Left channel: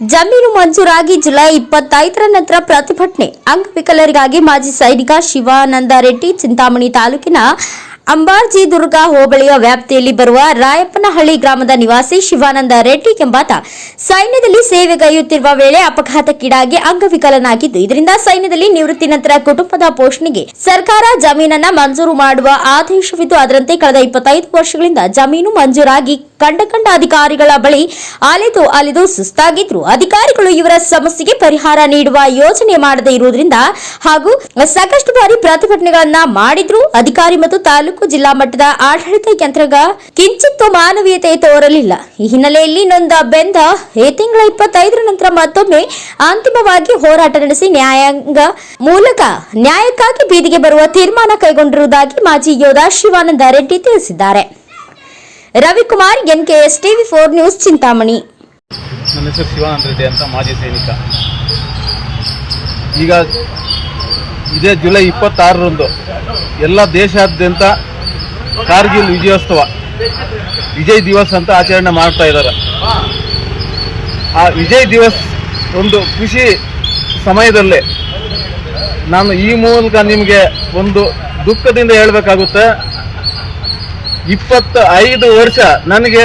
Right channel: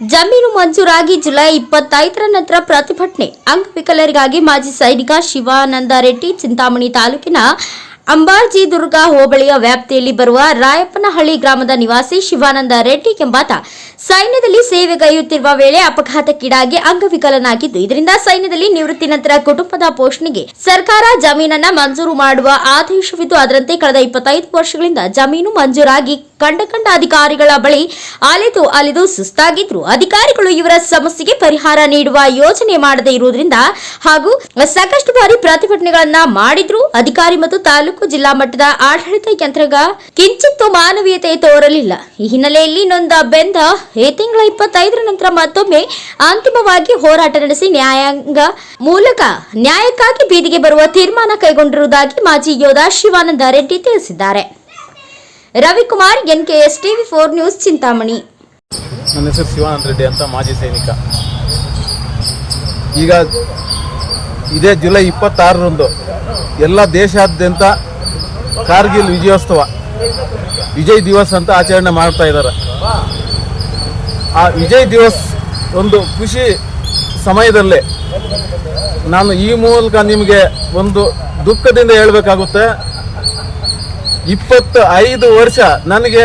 ಜಮೀನು ಮಂಜೂರಾಗಿ ಜುಲೈ ಇಪ್ಪತ್ತೈದರ ನಂತರ ಪ್ರತಿಭಟನೆ. ಅಂಗವಿಕಲರಿಗಾಗಿ ಮಾಜಿ ಸೈನಿಕ ಶಿವಾನಂದ ರೆಡ್ಡಿ ಚಿಂತಾಮಣಿ ತಾಲೂಕಿನ ಅಂಬಾಜಿ ದುರ್ಗ ಹೋಬಳಿಯ ವ್ಯಾಪ್ತಿಯಲ್ಲಿ ಬರುವ ರಾಯಪ್ಪನಹಳ್ಳಿ ಗ್ರಾಮದ ನಿವಾಸಿ ಶಿವಾನಂದ ರೆಡ್ಡಿ ಎಂಬಾತ ಸೈನ್ಯದಲ್ಲಿ ಸೇವೆಗೈಯುತ್ತಿರುವ ವೇಳೆ ಅಪಘಾತಕ್ಕೀಡಾಗಿ ಅಂಗವಿಕಲನಾಗಿದ್ದು, ಇದರಿಂದ ಸೈನ್ಯದಲ್ಲಿ ನಿವೃತ್ತಿ ನಂತರ ಕುಟುಂಬದ ಪೋಷಣೆಗೆ ಸರ್ಕಾರ ಜಮೀನನ್ನ ಮಂಜೂರು ಮಾಡುವ ಆದೇಶವಿದ್ದು, ಅದರಂತೆ ಕಳೆದ ಇಪ್ಪತ್ತೈದು ವರ್ಷಗಳಿಂದ ಜಮೀನು ಮಂಜೂರಾಗಿ ಕಂಡ ಕಂಡ ಅಧಿಕಾರಿಗಳ ಬಳಿ ಅಲೆದು ಅಲೆದು ಸುಸ್ತಾಗಿದ್ರು. ಅಧಿಕಾರಿಗಳು ಇವರ ಸಮಸ್ಯೆಗೆ ಪರಿಹಾರ ನೀಡುವ ಯೋಜನೆ ಮಾಡದೇ ಇರುವುದರಿಂದ ಹಾಗೂ ಸಾಕಷ್ಟು ಬಾರಿ ಪ್ರತಿಭಟನೆಗಳನ್ನ ಮಾಡಿದ್ರು. ಅಧಿಕಾರಿ ಮತ್ತು ತಾಲೂಕು ಜಿಲ್ಲಾ ಮಟ್ಟದ ಆಡಳಿತ ಯಂತ್ರಗ ಕಿಂಚಿತ್ತು ಮಾನವೀಯತೆ ತೋರಲಿಲ್ಲ. ಈ ಹಿನ್ನೆಲೆಯಲ್ಲಿ ನೊಂದ ಬೆಂದ ಈ ತಿಂಗಳ ಇಪ್ಪತ್ತೈದರ ನಂತರ ಮತ್ತೊಮ್ಮೆ ಅಂತಿಮವಾಗಿ ಹೋರಾಟ ನಡೆಸಿ ನ್ಯಾಯಾಂಗ ಮೂಲಕ ನ್ಯಾಯಕ್ಕಾಗಿ ಬೀದಿಗೆ ಬರುವ ತೀರ್ಮಾನ ಕೈಗೊಂಡಿರುವುದಾಗಿ ಮಾಜಿ ಯೋಧ ಶಿವಾನಂದ ರೆಡ್ಡಿ ತಿಳಿಸಿದ್ದಾರೆ. Ravikumar, NKS TV four news, Chintamani. ನನ್ನ ಹೆಸರು ಶಿವಾನಂದ ರೆಡ್ಡಿ ಅಂತ ಮಾಜಿ ಸೈನಿಕ. ಈಗ ಇದೇ ಜುಲೈ ಇಪ್ಪತ್ತಾರರಂದು ಎಲ್ಲ ದೇಶಾದ್ಯಂತ ಕಾರ್ಗಿಲ್ ವಿಜಯೋತ್ಸವ. ವಿಜಯ್ ದಿವಸ್ ಅಂತ ಆಚರಣೆ ಮಾಡ್ತಾ ಇದ್ದಾರೆ ಆ ವಿಜಯ್ ದಿವಸ್ ಒಂದು ಖುಷಿ ಸಮಯದಲ್ಲೇ ನಾನು ಈ ಮೂಲಕ ನಿಮಗೆ ಒಂದು ದುಃಖದಿಂದ ಹೇಳಬೇಕಾಗುತ್ತೆ. ಇಪ್ಪತ್ತ ಐದು ವರ್ಷ ನನಗೆ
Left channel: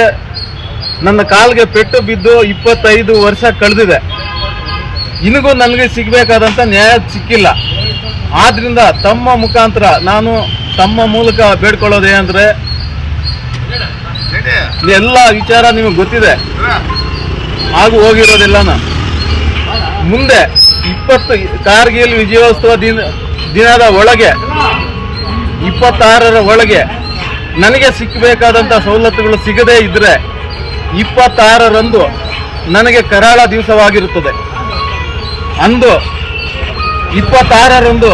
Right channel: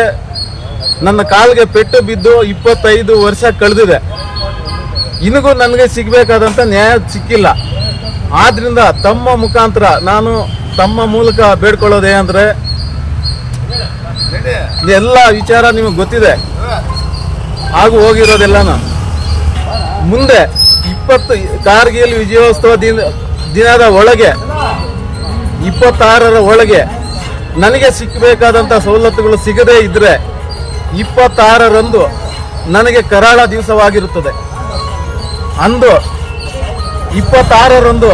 ನನ್ನ ಕಾಲಿಗೆ ಪೆಟ್ಟು ಬಿದ್ದು ಇಪ್ಪತ್ತೈದು ವರ್ಷ ಕಳೆದಿದೆ. ಇನಿಗೂ ನನಗೆ ಸಿಗಬೇಕಾದಂಥ ನ್ಯಾಯ ಸಿಕ್ಕಿಲ್ಲ. ಆದ್ದರಿಂದ ತಮ್ಮ ಮುಖಾಂತರ ನಾನು ತಮ್ಮ ಮೂಲಕ ಬೇಡ್ಕೊಳ್ಳೋದು ಏನಂದ್ರೆ ಎಲ್ಲ ವಿಚಾರ ನಿಮಗೆ ಗೊತ್ತಿದೆ. ಹಾಗೂ ಹೋಗಿರೋದೆಲ್ಲನ ಮುಂದೆ ಇಪ್ಪತ್ತು ಕಾರ್ಗಿಲ್ ವಿಜಯೋತ್ಸವ ದಿನ, ದಿನದ ಒಳಗೆ, ಇಪ್ಪತ್ತಾರರ ಒಳಗೆ ನನಗೆ ಸಿಕ್ಕಬೇಕಾದಂಥ ಸವಲತ್ತುಗಳು ಸಿಗದೇ ಇದ್ದರೆ ಇಪ್ಪತ್ತಾರರಂದು ನನಗೆ ಕರಾಳ ದಿವಸವಾಗಿರುತ್ತದೆ. ಅಂದು ಇಪ್ಪತ್ತಾರರಂದು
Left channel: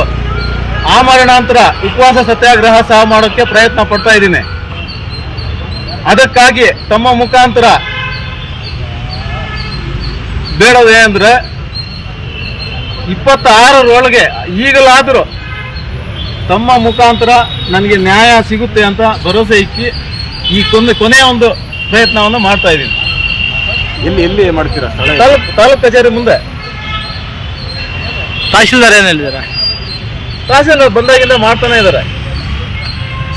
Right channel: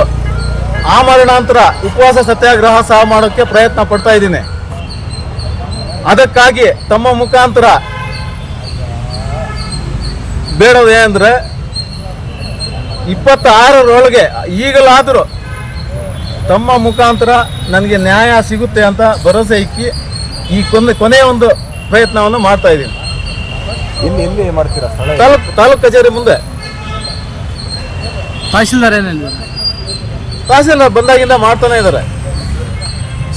ಆಮರಣಾಂತರ ಉಪವಾಸ ಸತ್ಯಾಗ್ರಹ ಸಹ ಮಾಡೋಕ್ಕೆ ಪ್ರಯತ್ನ ಪಡ್ತಾ ಇದ್ದೀನಿ. ಅದಕ್ಕಾಗಿ ತಮ್ಮ ಮುಖಾಂತರ ಬೇಡೋದು ಏನಂದ್ರೆ ಇಪ್ಪತ್ತಾರರೊಳಗೆ ಈಗಲಾದರೂ ತಮ್ಮ ಮುಖಾಂತರ ನನಗೆ ನ್ಯಾಯ ಸಿಗುತ್ತೆ ಅಂತ ಭರವಸೆ ಇಕ್ಕಿ ಈ ಕೊನೆ ಕೊನೆಯ ಒಂದು ಪ್ರಯತ್ನವನ್ನು ಮಾಡ್ತಾ ಇದ್ದೀನಿ. ಎಲ್ಲಿ ಎಲ್ಲಿ ಮಾಡ್ತೀರಾ ತಾಲೂಕು ತಾಲೂಕು ಕಚೇರಿ ಮುಂದೆ. ತಹಶೀಲ್ದಾರ್ ಏನು ಹೇಳಿದಾರೆ? ತಹಸೀಲ್ದಾರ್ ಬಂದಾಗಿಂದ ಮಾಡ್ತಾನೆ ಇದ್ದಾರೆ.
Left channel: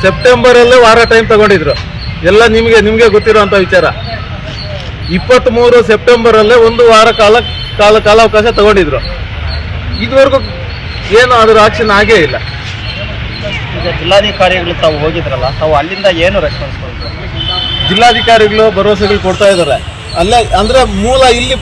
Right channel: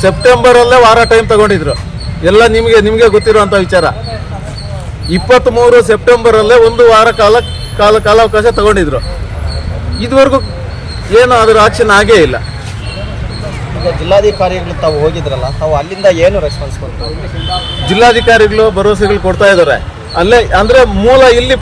ಸೆಪ್ಟೆಂಬರ್ ಅಲ್ಲೇ ವಾರ ಟೈಮ್ ತಗೊಂಡಿದ್ರು. ಎಲ್ಲ ನಿಮಗೆ ನಿಮಗೆ ಗೊತ್ತಿರುವಂಥ ವಿಚಾರ. ಇಪ್ಪತ್ತ್ ಮೂರು ಸೆಪ್ಟೆಂಬರ್ ಅಲ್ಲೇ ಒಂದು ವಾರ ಕಾಲ ಕಾಲ ಕಾಲಾವಕಾಶ ತಗೊಂಡಿದ್ರು. ಇದುವರೆಗೂ ಏನು ಅದ್ರ ಆಕ್ಷನ್ ಆಗೇ ಇಲ್ಲ. ಜಿಲ್ಲಾಧಿಕಾರಿಗಳು ತಾವು ಹೋಗಿದ್ರಲ್ಲ ತಾವು ಅಲ್ಲಿಂದ ಏನು ರೆಸ್ಪಾನ್ಸ್ ಜಿಲ್ಲಾಧಿಕಾರಿಗಳು ಭರವಸೆಗಳು ಕೊಡ್ತಾ ಇದ್ದಾರೆ. ಅಲ್ಲೇ ಅಂದ್ರೆ ಮೂಲ ಇಲ್ಲಿ